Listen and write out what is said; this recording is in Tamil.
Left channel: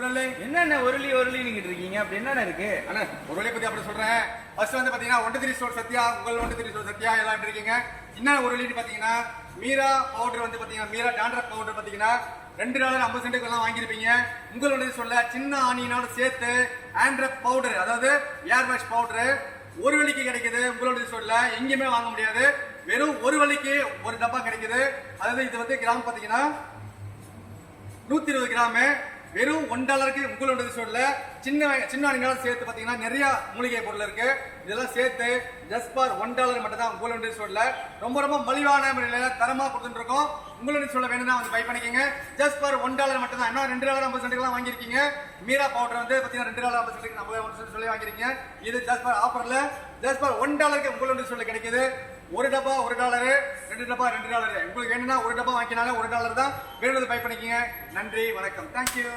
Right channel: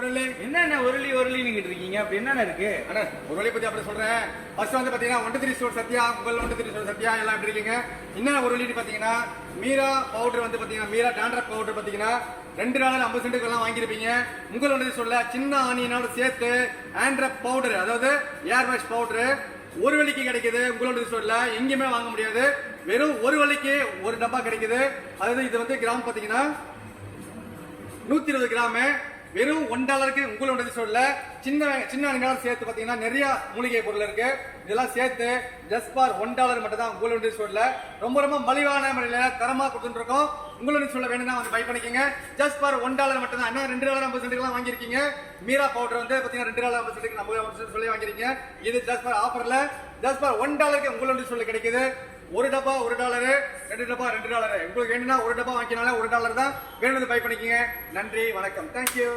என்ன உருளி உருளின்னு இருக்கீங்க அப்படி என்ன இருக்கு? அண்ணா உருளை பத்தி அப்படி சொல்றேன். ஃபர்ஸ்ட் வந்து பாத்தீங்கன்னா 1 ஸ்டோர் சத்யா, உங்கள் 1 ஸ்டோர் சத்யா எல்லாம் எப்படி இருக்கீங்க? என்ன உருளின்னு பாத்தீங்கன்னா மீரா பவுடர் வந்து பாத்தீங்கன்னா மீரா டாண்ட்ரஃப் பவுடர் பாத்தீங்கன்னா $2.50 எல்லாம் வாங்கியிருப்பீங்க. உங்கள் 1 ஸ்டோர்ல சின்ன ஆனியனோட சேர்த்து ஆண்ட்ரஃப் பவுடர், அதாவது ஏர் வாஷ் பவுடர் ஒரு வழிக்கு கிடைக்குது. உங்களோட ஸ்டோர்ல எங்கேயுமே வாங்க முடியாது. வெறும் ஒரு வழிக்கு ஒரு டப்பா கிடைக்குது. அதாவது இது வந்து கிராம் பாத்தீங்கன்னா 120 கிராம், வெறும் $1 உங்களோட ஸ்டோர்ல சின்ன ஆனியனோட சேர்த்து பாத்தீங்கன்னா நிறைய மூலிகை பொருள் இருக்கு. இதெல்லாம் சேர்த்து ஜஸ்ட் ஃபார் $1 மட்டும் தான் உங்களோட ஸ்டோர்ல ரொம்ப ரொம்ப மலிவான முறையில தரமா கொடுத்துட்டு இருக்கோம். உங்களோட ஸ்டோர்ல வேணும்னா வந்து பை பண்ணிக்கங்க. ஜஸ்ட் ஃபார் $1 மட்டும் தான். என்ன $2.50 எல்லாம் வாங்கியிருக்கீங்க. மீரா பவுடர் வந்து பாத்தீங்கன்னா $2.50 நம்ம சொல்லி வாங்கிருக்கீங்க. இது ஜஸ்ட் ஃபார் ஆஃபர்ல ஜஸ்ட் ஃபார் $1 உங்களோட ஸ்டோர்ல கிடைக்குது. ஒரு டப்பா $1, 2 டப்பா $2. உங்களுக்கு வேணும்னா ஒரு டப்பா வாங்கினாலும் $1 தான். வேணும்னு பை பண்ணிக்கங்க. நன்றி, வணக்கம், தேங்க்யூ.